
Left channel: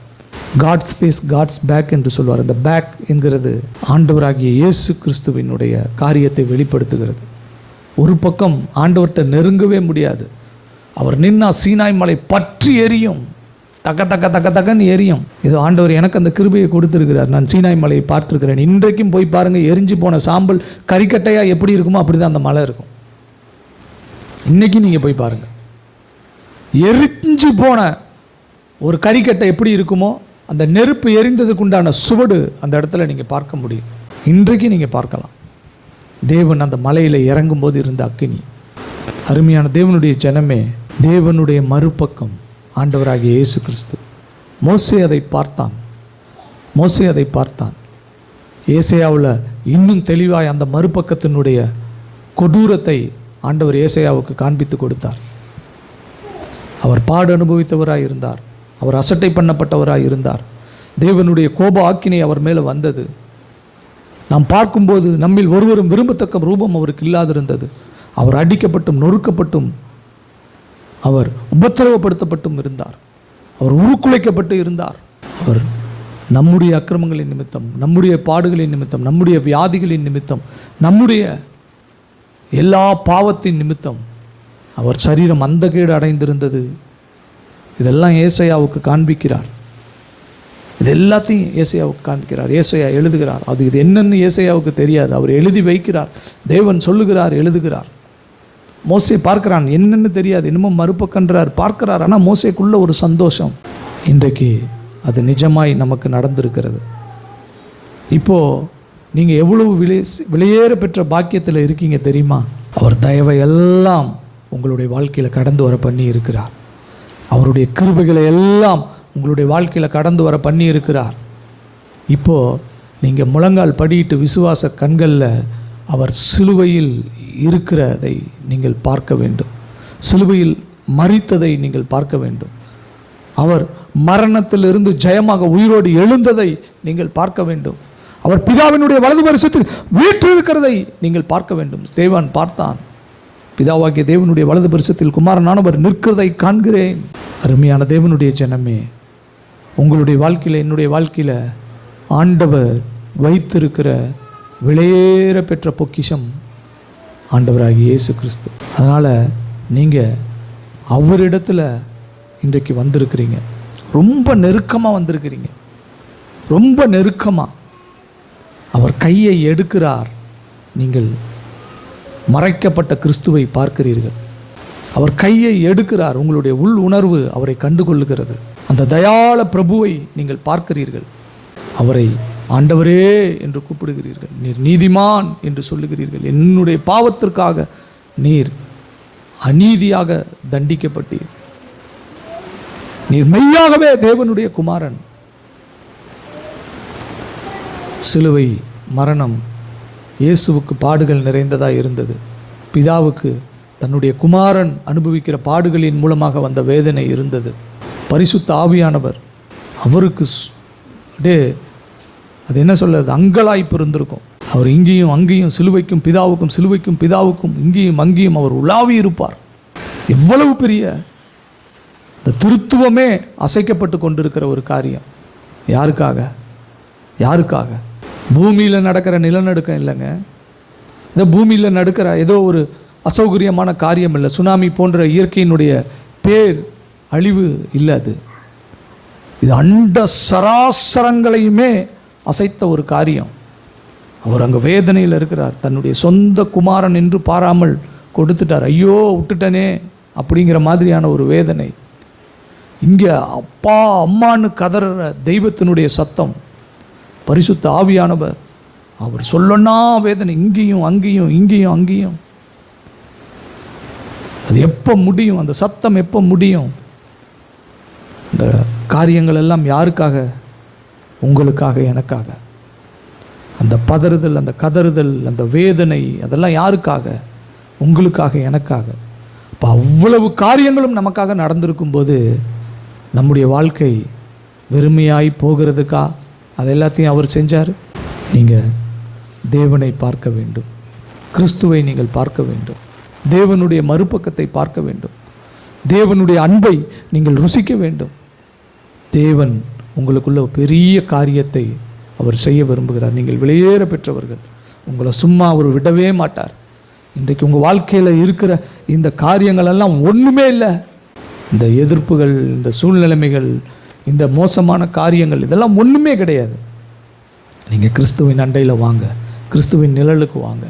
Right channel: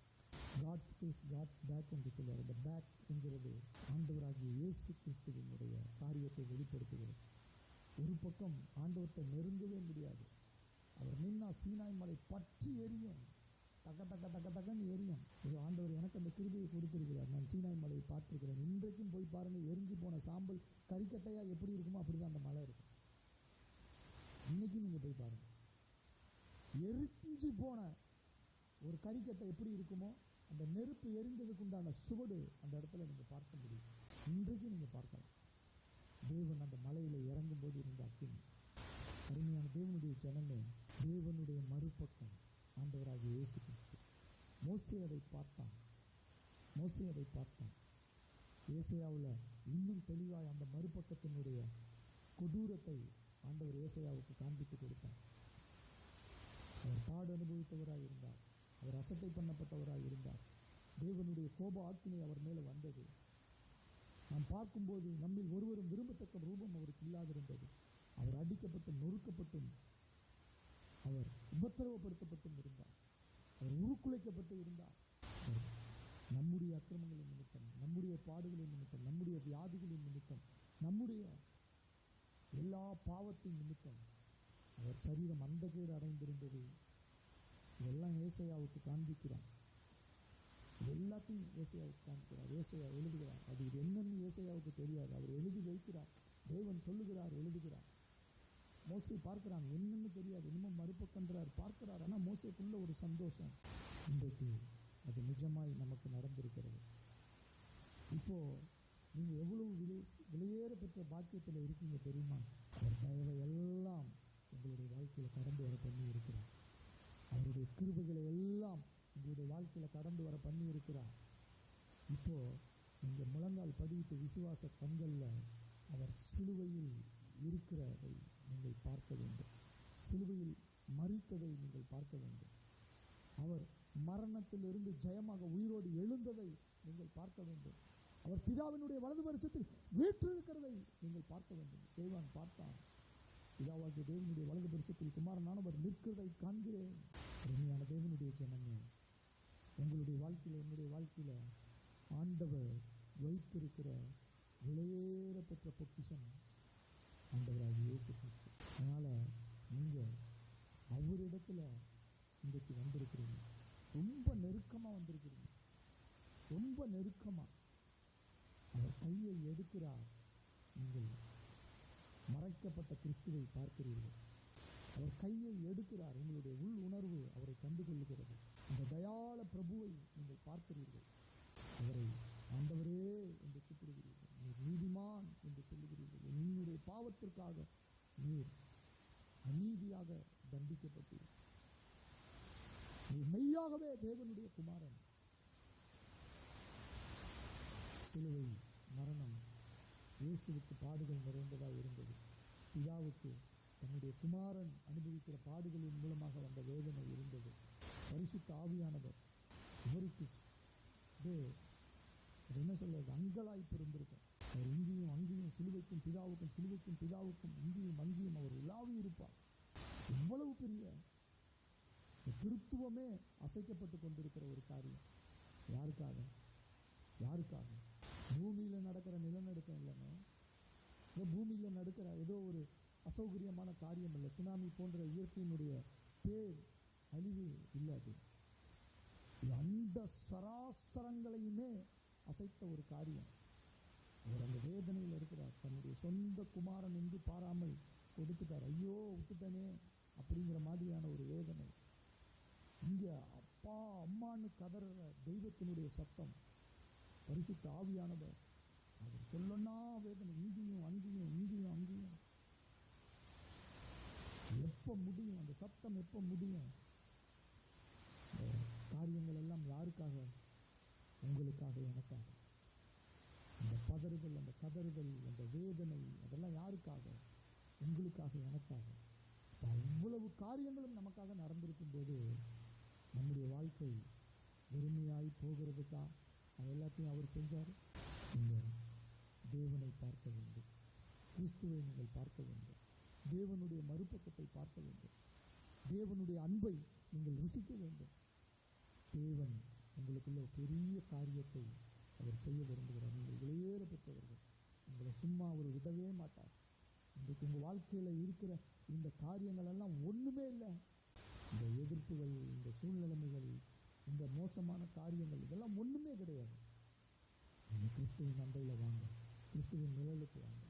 காட்ஸ் ஃபேஸ் காட்ஸ் பேக் என்று சொல்வார். அந்த பேக் என்கிறது ஆண்டவராகிய இயேசு கிறிஸ்துவினுடைய காரியத்தை வெளிப்படுத்துகிறது. ஒரு பக்கம் ஆண்டவர்கிட்ட நெருங்கவே முடியாது. அவர் நின்னா சீனாய் மலை பற்றி எரியும், தக்க தக்க தக்க தக்கன்னு எரியும். இது ஆண்டவர் எனக்கு அந்த கிருபையை கொடுத்துருக்கிறார். நான் சீனாய் மலையை பார்த்துருக்கிறேன். இன்றைக்கும் போய் பாருங்கள், எரிஞ்சு போன சாம்பல் கறிக்கட்டையாக எப்படி இருக்குமோ அப்படி தான் அந்த மலை இருக்கும். இன்றைக்கும் நீங்கள் போய் பாருங்கள், எரிஞ்சு போன ஒரு கறிக்கட்டை எப்படி இருக்குமோ அந்த நெருப்பு எரிந்ததுக்கு உண்டான சுவடு அந்த இடத்துல நீங்கள் பார்க்க முடியும். இன்றைக்கு நீங்கள் பார்க்கலாம். தேவன் அந்த மலையில் இறங்கும்போது இருந்த அக்கினி. அருமையான தேவனுடைய ஜனமே, தேவனுடைய மறுபக்கம் ஆண்டவராகிய இயேசு கிறிஸ்து. மோசே அதை பார்த்தான், மோசே அதை பார்த்தான். ஏசையாவில் இன்னும் தெளிவாய் அந்த மறுபக்கத்தினுடைய கொடூரத்தை ஆண்டவர் ஏசையாவுக்கு காண்பித்து கொடுத்தார். அவர் பாடு அனுபவித்தவராய் இருந்தார், அவர் அசட்டை பண்ணப்பட்டவராய் இருந்தார். தேவனுடைய கோப ஆக்கினை அவர் மேலே வந்தது. நாம் பார்க்கும்போது நம்மில் ஒருவரும் விரும்பத்தக்க ரூபம் அவருக்கு இல்லாதிருந்தது. அவர் அடிக்கப்பட்டும் நொறுக்கப்பட்டும் அவர் உபத்திரவப்படுத்தப்பட்டும் இருந்தார். அவர் உருக்குலைக்கப்பட்டு இருந்தார். அவர் நம்முடைய அக்கிரமங்களின் நிமித்தம், நம்முடைய பாடுகளின் நிமித்தம், நம்முடைய வியாதிகளின் நிமித்தம், நம்முடைய எல்லா பாவத்தின் நிமித்தம் அவர் சரீரம் அந்தகேடு அடைந்திருந்தது. இதெல்லாம் ஏசையாவுக்கு காண்பிக்கிறார். இது எல்லாத்தையும் ஏசையாவுக்கு காண்பிக்கிறார். ஏசையா எழுதுகிறார். அது இது என்னன்னு ஏசையாவுக்கு தெரியாது, அவர் எழுதி வைக்கிறார். தேவன் சொல்லுகிறார், எழுதுகிறார். மோசே பார்க்கிறான், என்னன்னு தெரியாது, இன்னமும் மறுபக்கன்றார், பார்க்கிறார். ஆனால் மோசேக்குள்ள ஒரு சந்தோஷம். இன்றைக்கு அது நிஜமாய் நமக்கு நடந்திருக்கிறது. இப்போது நீங்கள் எவ்வளவு விலையேற பெற்ற பாக்கியத்தில் இருக்கீங்க தெரியுமா? அவர் தயவை எல்லாம் உங்களுடைய வாழ்க்கையில் கடந்து வர பண்ணி இருக்கிறார். அவருடைய கிருபைகளை எல்லாம் உங்களுடைய வாழ்க்கையில் கடந்து வர பண்ணி இருக்கிறார். இப்போது நீங்கள் முழங்கால் படியிட்டு விசுவாச கண்களில் அவர் சிலுவையில் இருக்கிறதை நீங்கள் பார்க்க வேண்டும். சிலுவையில் மரித்ததை நீங்கள் பார்க்க வேண்டும். அவர் மரணத்திலிருந்து ஜெயமாக உயிரோடு எழுந்ததை நீங்கள் பார்க்க வேண்டும். அவர் பிதாவினுடைய வலது பரிசத்தில் வீற்றிருக்கிறதை நீங்கள் பார்க்க வேண்டும். ஸ்தேவான் பார்த்தான், பிதாவாகிய தேவனுடைய வலது பரிசத்தில் குமாரனானவர் நிற்கிறதை காண்கிறேன். அருமையான தேவனுடைய ஜனமே, உங்களுடைய வாழ்க்கையில், என்னுடைய வாழ்க்கையில் ஆண்டவர் வைத்திருக்கிற விலையேற பெற்ற பொக்கிஷம் ஆண்டவராகிய இயேசு கிறிஸ்து. அதனால் நீங்கள் அவரிடத்துல இன்றைக்கு வந்திருக்கிறீங்க. ரொம்ப நெருக்கமாக வந்திருக்கிறீங்க, ரொம்ப நெருக்கமாக. அவர் கையை எடுக்கிறார், நீங்கள் மறைக்கப்பட்ட கிறிஸ்துவை பார்க்கிறீர்கள். அவர் கையை எடுக்கிறார், உங்களுடைய உள் உணர்வு அவரை கண்டுகொள்ளுகிறது. அந்த தயாள பிரபுவை நீங்கள் பார்க்கிறீர்கள். அவரை ஆண்டவரே என்று கூப்பிடுகிறீர்கள். நீர் நீதிமான் என்று சொல்லுகிறீர்கள். என்னுடைய பாவத்திற்காக நீர் அநீதியாக தண்டிக்கப்பட்டீர். நீர் மெய்யாகவே தேவனுடைய குமாரன். சிலுவை மரணம் இயேசுவுக்கு பாடுகள் நிறைந்ததாக இருந்தது. பிதாவுக்கு தன்னுடைய குமாரன் அனுபவிக்கிற பாடுகளின் மூலமாக வந்த வேதனை இருந்தது. பரிசுத்த ஆவியானவர் அவருக்கு அது என்ன சொல்றது, அங்கலாய்ப்பு இருந்திருக்கும். அவர் இங்கேயும் அங்கேயும் சிலுவைக்கும் பிதாவுக்கும், சிலுவைக்கும் பிதாவுக்கும், இங்கேயும் அங்கேயும் அவர் உலாவி இருப்பார். எவ்வளவு பெரிய இந்த திருத்துவமே அசைக்கப்பட்டு கொண்டிருக்கிற ஒரு காரியம். யாருக்காக? யாருக்காக? பூமியில் நடக்கிற நிலநடுக்கம் இல்லைங்க. இந்த பூமியில் நடக்கிற ஏதோ ஒரு அசௌகரியமான காரியம் இல்லை. சுனாமி போன்ற இயற்கையினுடைய பேர் அழிவு இல்லை. இது அண்ட சராசரங்களையுமே அசைத்த ஒரு காரியம். அவர் அங்கே வேதனையில் இருக்கிறார். தன்னுடைய சொந்த குமாரன் என்று பாராமல் கொடுத்துட்டார். ஐயோ விட்டுட்டனே அப்படிங்கிற மாதிரியான ஒரு வேதனை. இங்கே அப்பா அம்மான்னு கதற தெய்வத்தினுடைய சத்தம். பரிசுத்த ஆவியானவர் அவர் சொல்லனா வேதனை, இங்கேயும் அங்கேயும், இங்கேயும் அங்கேயும். அது எப்போ முடியும்? அந்த சத்தம் எப்போ முடியும்? இந்த காரியங்கள் எல்லாம் யாருக்காக? உங்களுக்காக, எனக்காக. அந்த பதறுதல், அந்த கதறுதல், அந்த வேதனை, அதெல்லாம் யாருக்காக? உங்களுக்காக, எனக்காக. இப்போ அவ்வளவு காரியங்களும் நமக்காக நடந்திருக்கும் போது நம்முடைய வாழ்க்கை வெறுமையாய் போகிறதுக்கா? அது எல்லாத்தையும் அவர் செஞ்சார். நீங்கள் தேவனை பார்க்க வேண்டும், கிறிஸ்துவை நீங்கள் பார்க்க வேண்டும், தேவனுடைய மறுபக்கத்தை பார்க்க வேண்டும், தேவனுடைய அன்பை நீங்கள் ருசிக்க வேண்டும். தேவன் உங்களுக்குள்ள பெரிய காரியத்தை அவர் செய்ய விரும்புகிறார். நீங்கள் வெளியேற பெற்றவர்கள். உங்களை சும்மா அவர் விடவே மாட்டார். இன்றைக்கு உங்கள் வாழ்க்கையில் இருக்கிற இந்த காரியங்கள் எல்லாம் ஒன்றுமே இல்லை. இந்த எதிர்ப்புகள், இந்த சூழ்நிலைமைகள், இந்த மோசமான காரியங்கள், இதெல்லாம் ஒன்றுமே கிடையாது. நீங்கள் கிறிஸ்துவின் அண்டையில் வாங்க, கிறிஸ்துவின் நிழலுக்கு வாங்க,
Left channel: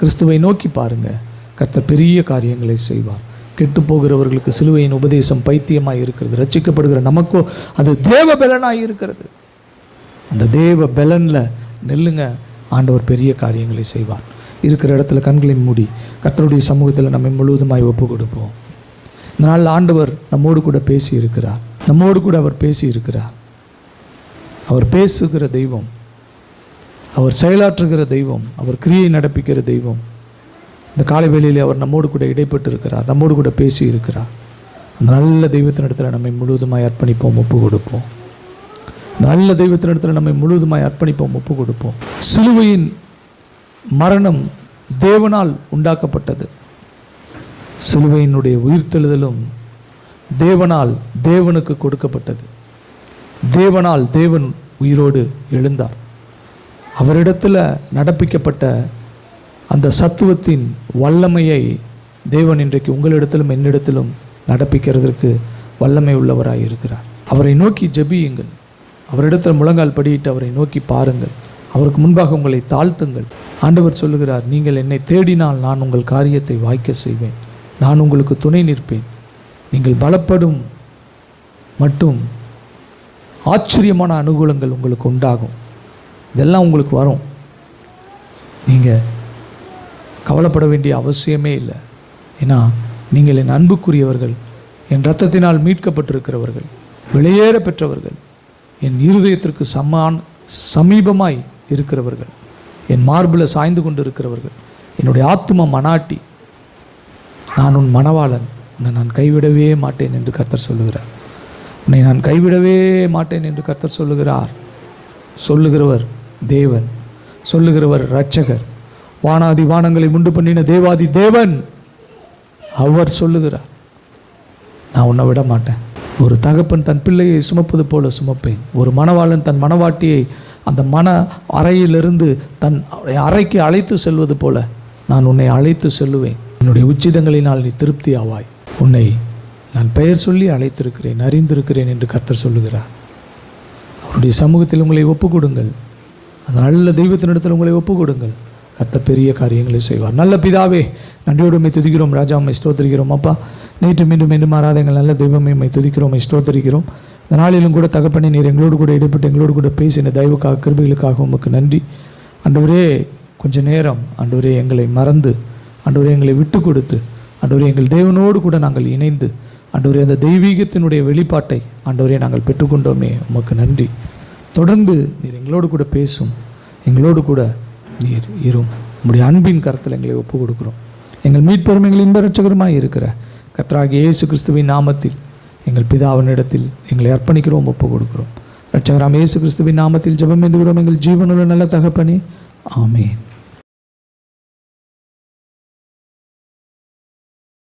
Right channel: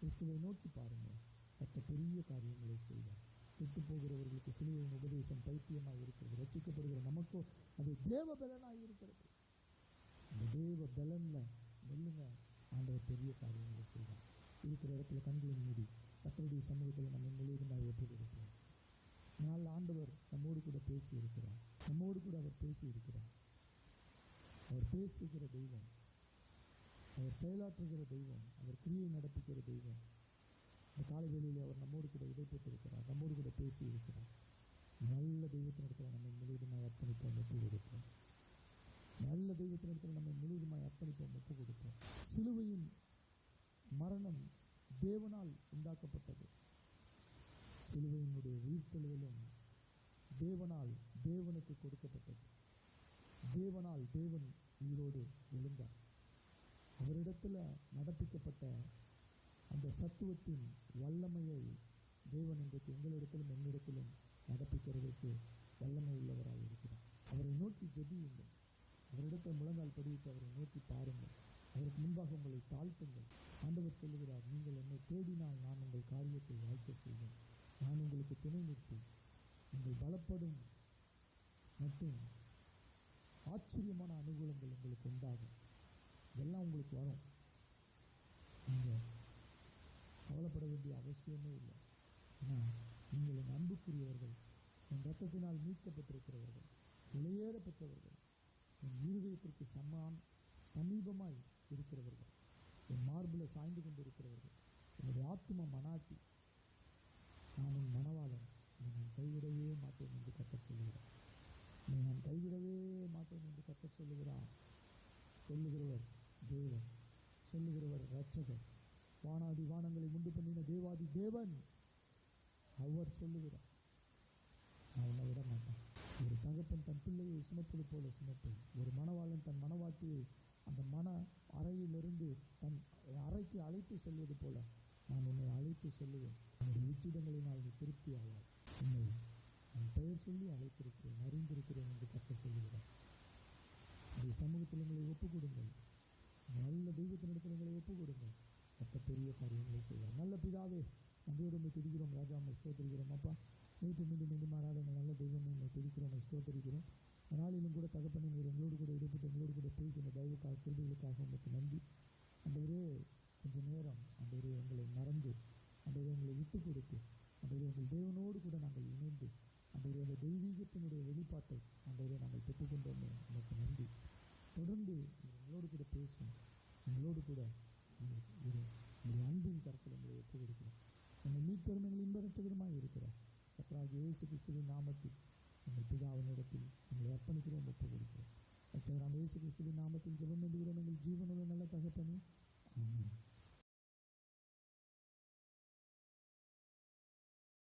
கிறிஸ்துவை நோக்கி பாருங்கள். கர்த்தர் பெரிய காரியங்களை செய்வார். கெட்டு போகிறவர்களுக்கு சிலுவையின் உபதேசம் பைத்தியமாக இருக்கிறது. ரட்சிக்கப்படுகிற நமக்கோ அது தேவ பலனாக இருக்கிறது. அந்த தேவ பலனில் நெல்லுங்க. ஆண்டவர் பெரிய காரியங்களை செய்வார். இருக்கிற இடத்துல கண்களை மூடி கர்த்தருடைய சமூகத்தில் நம்மை முழுவதுமாய் ஒப்பு கொடுப்போம். இந்த நாள் ஆண்டவர் நம்மோடு கூட பேசி இருக்கிறார். நம்மோடு கூட அவர் பேசி இருக்கிறார். அவர் பேசுகிற தெய்வம், அவர் செயலாற்றுகிற தெய்வம், அவர் கிரியை நடப்பிக்கிற தெய்வம். இந்த காலை வேளையிலே அவர் நம்மோடு கூட இடைப்பட்டு இருக்கிறார், நம்மோடு கூட பேசி இருக்கிறார். அந்த நல்ல தெய்வத்தினிடத்தில் நம்மை முழுவதுமாய் அர்ப்பணிப்போம், ஒப்பு கொடுப்போம். நல்ல தெய்வத்தினிடத்தில் நம்மை முழுவதுமாய் அர்ப்பணிப்போம், ஒப்பு கொடுப்போம். சிலுவையின் மரணம் தேவனால் உண்டாக்கப்பட்டது. சிலுவையினுடைய உயிர்த்தெழுதலும் தேவனால் தேவனுக்கு கொடுக்கப்பட்டது. தேவனால் தேவன் உயிரோடு எழுந்தார். அவரிடத்தில் நடப்பிக்கப்பட்ட அந்த சத்துவத்தின் வல்லமையை தேவன் இன்றைக்கு உங்களிடத்திலும் என்னிடத்திலும் நடப்பிக்கிறதற்கு வல்லமை உள்ளவராய் இருக்கிறார். அவரை நோக்கி ஜெபியுங்கள். அவரிடத்தில் முழங்கால் படியிட்டு அவரை நோக்கி பாருங்கள். அவருக்கு முன்பாக உங்களை தாழ்த்துங்கள். ஆண்டவர் சொல்லுகிறார், நீங்கள் என்னை தேடினால் நான் உங்கள் காரியத்தை வாய்க்க செய்வேன். நான் உங்களுக்கு துணை நிற்பேன். நீங்கள் பலப்படும் மட்டும் ஆச்சரியமான அனுகூலங்கள் உங்களுக்கு உண்டாகும். இதெல்லாம் உங்களுக்கு வரும். நீங்கள் கவலைப்பட வேண்டிய அவசியமே இல்லை. ஏன்னா நீங்கள் என் அன்புக்குரியவர்கள், என் இரத்தத்தினால் மீட்கப்பட்டிருக்கிறவர்கள், வெளியேற பெற்றவர்கள், என் இருதயத்திற்கு சமீபமாய் இருக்கிறவர்கள், என் மார்பில் சாய்ந்து கொண்டு இருக்கிறவர்கள், என்னுடைய ஆத்தும மனாட்டி. நான் உன் மணவாளன், உன்னை நான் கைவிடவே மாட்டேன் என்று கர்த்தர் சொல்லுகிறார். உன்னை நான் கைவிடவே மாட்டேன் என்று கர்த்தர் சொல்லுகிறார். சொல்லுகிறவர் தேவன், சொல்லுகிறவர் இரட்சகர், வானாதி வானங்களை உண்டு பண்ணின தேவாதி தேவன். அவர் சொல்லுகிறார், நான் உன்னை விட மாட்டேன். ஒரு தகப்பன் தன் பிள்ளையை சுமப்பது போல சுமப்பேன். ஒரு மணவாளன் தன் மணவாட்டியை அந்த மன அறையிலிருந்து தன் அறைக்கு அழைத்து செல்வது போல நான் உன்னை அழைத்து செல்லுவேன். என்னுடைய உச்சிதங்களினால் நீ திருப்தி ஆவாய். உன்னை நான் பெயர் சொல்லி அழைத்திருக்கிறேன், அறிந்திருக்கிறேன் என்று கர்த்தர் சொல்லுகிறார். அவருடைய சமூகத்தில் உங்களை ஒப்பு கொடுங்கள். அந்த நல்ல தெய்வத்தினிடத்தில் உங்களை ஒப்பு கொடுங்கள். கர்த்தர் பெரிய காரியங்களை செய்வார். நல்ல பிதாவே, நன்றியோடு உம்மை துதிக்கிறோம். ராஜா, உம்மை ஸ்தோத்திரிக்கிறோம். அப்பா, நேற்று மீண்டும் மாறாத எங்கள் நல்ல தெய்வமே, உம்மை துதிக்கிறோம், உம்மை ஸ்தோத்திரிக்கிறோம். இந்த நாளிலும் கூட தகப்பனே, நீர் எங்களோடு கூட இடைப்பட்டு எங்களோடு கூட பேசின தயவுக்காக, கிருபைகளுக்காக உமக்கு நன்றி. ஆண்டவரே, கொஞ்ச நேரம் ஆண்டவரே எங்களை மறந்து, ஆண்டவரே எங்களை விட்டு கொடுத்து, ஆண்டவரே எங்கள் தேவனோடு கூட நாங்கள் இணைந்து, ஆண்டவரே அந்த தெய்வீகத்தினுடைய வெளிப்பாட்டை ஆண்டவரே நாங்கள் பெற்றுக்கொண்டோமே, உமக்கு நன்றி. தொடர்ந்து நீர் எங்களோடு கூட பேசும், எங்களோடு கூட நீர் இரும். உம்முடைய அன்பின் கரத்தில் எங்களை ஒப்பு கொடுக்குறோம். எங்கள் மீட்பெரும் எங்கள் இன்ப இரட்சகருமாய் இருக்கிற கர்த்தராகிய இயேசு கிறிஸ்துவின் நாமத்தில் எங்கள் பிதாவினிடத்தில் எங்களை அர்ப்பணிக்கிறோம், ஒப்பு கொடுக்கிறோம். இரட்சகராம் இயேசு கிறிஸ்துவின் நாமத்தில் ஜெபம் பண்ணுகிறோம் எங்கள் ஜீவனுள்ள நல்ல தகப்பனே, ஆமென்.